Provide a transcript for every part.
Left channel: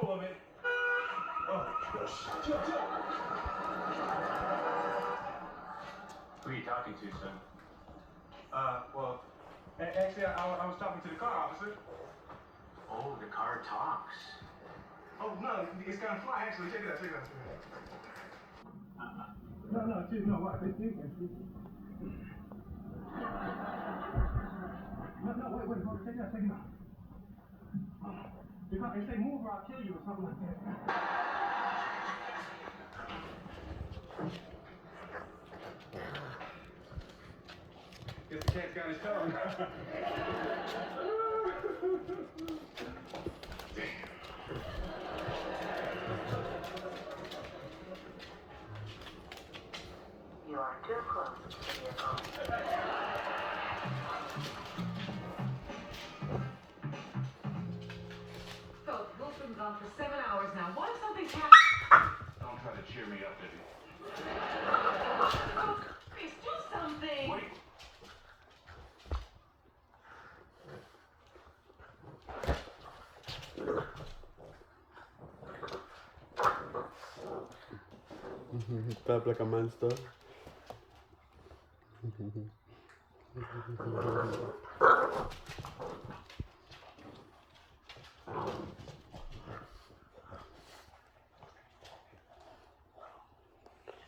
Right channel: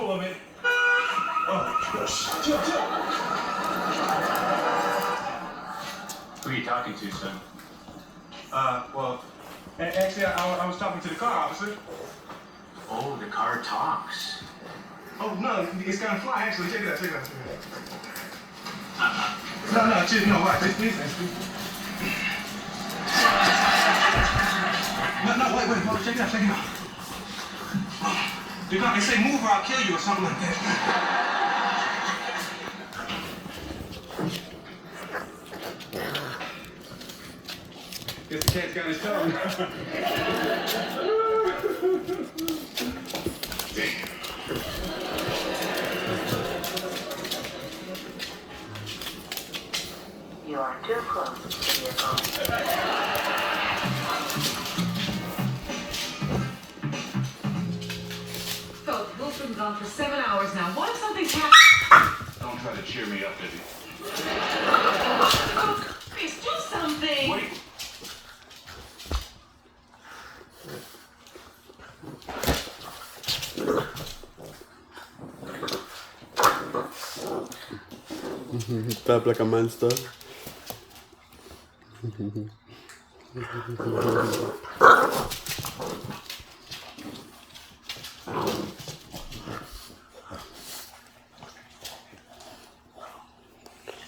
full of it. Oh, chill. Who are you talking to, son? Well, actually, I was talking to the car officer. Oh, the car talks. Oh, no, it's kind of fly, actually. Check it out. No, chill, no, watch this. No, wait, hold, check it out. They say move or I'll kill you or something like that. Guess the cat's got his tongue. You are too close to your phone. Phil, Bill's been gone for 7 hours now. What if something's happened? Don't try to cheer me up, baby. Please do something. Wait. Tap like a monster.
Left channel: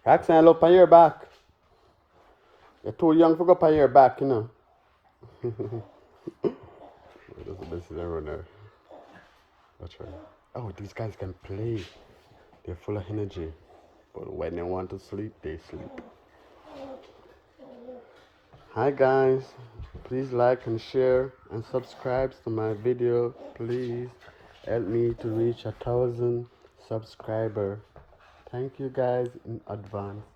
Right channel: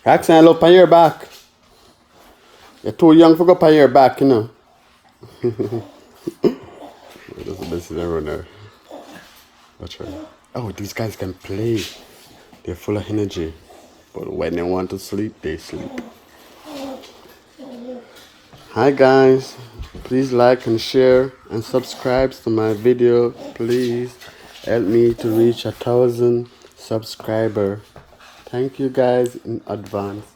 Roxanne, look on your back. You're too young for go on your back, you know. That's the best thing around there. Watch her. Oh, these guys can play. They're full of energy. But when they want to sleep, they sleep. Hi guys. Please like and share and subscribe to my video. Please help me to reach 1,000 subscribers. Thank you guys in advance.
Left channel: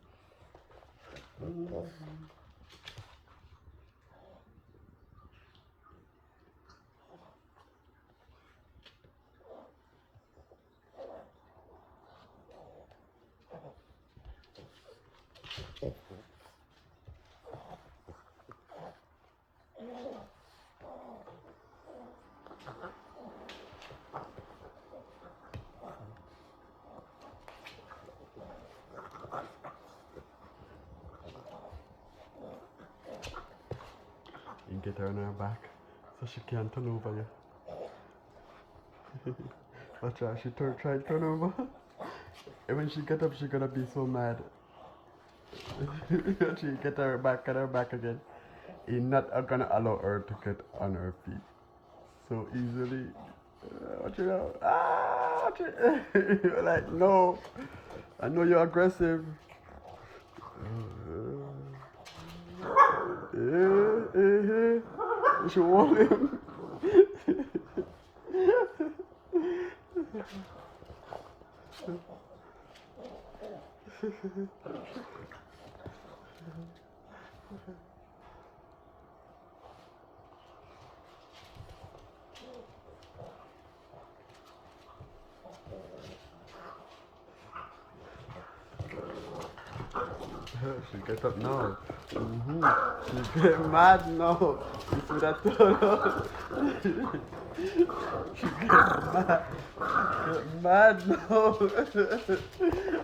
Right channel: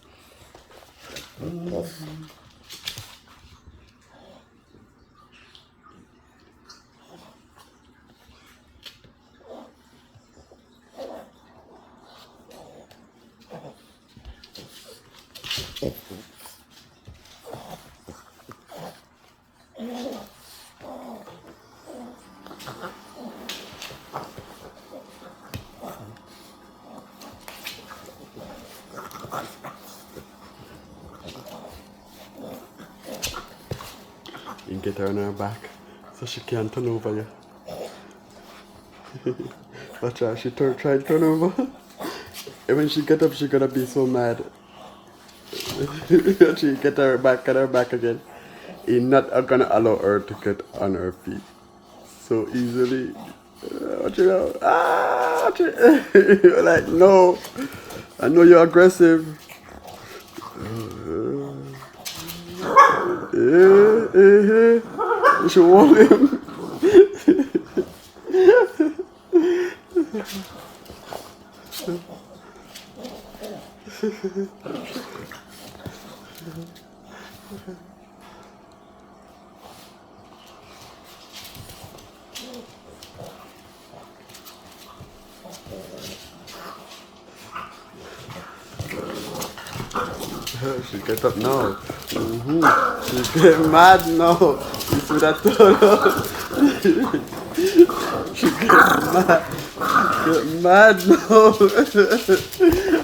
You get her on her back so she can't turn over you. Watch out, she try to turn over. And when she get up, she gonna be so mad. She get her back again. He's not gonna allow her to get on her feet so easily. Watch it out. Watch it. You're like, no. I know you're aggressive. You should warn him. She get up now. She get mad now. You see that turtle? She get mad now.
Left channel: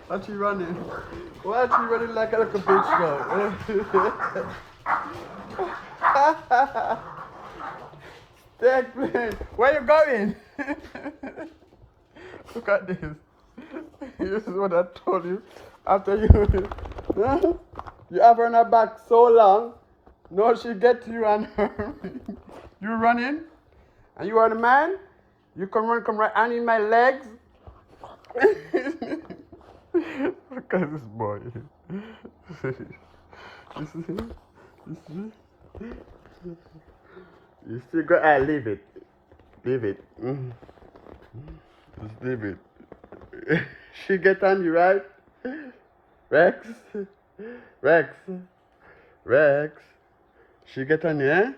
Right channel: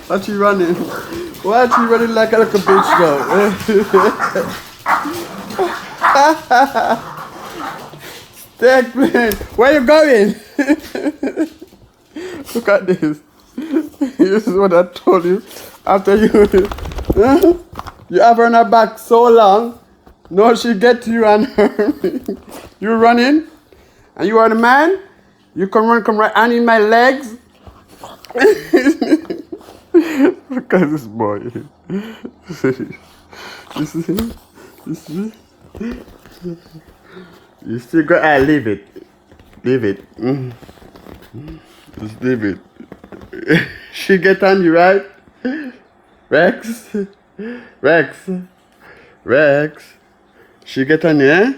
Why she running? Why she running like a little bitch now? Stay playing. Where you going? Look at this. This is what I told you. After you have her on her back so long, no, she get you and her. You running, and you are the man. You come right on in my legs. Look at this boy. You see? You still got leave it. Just leave it. She get on you, right? Rex. She get on you, eh?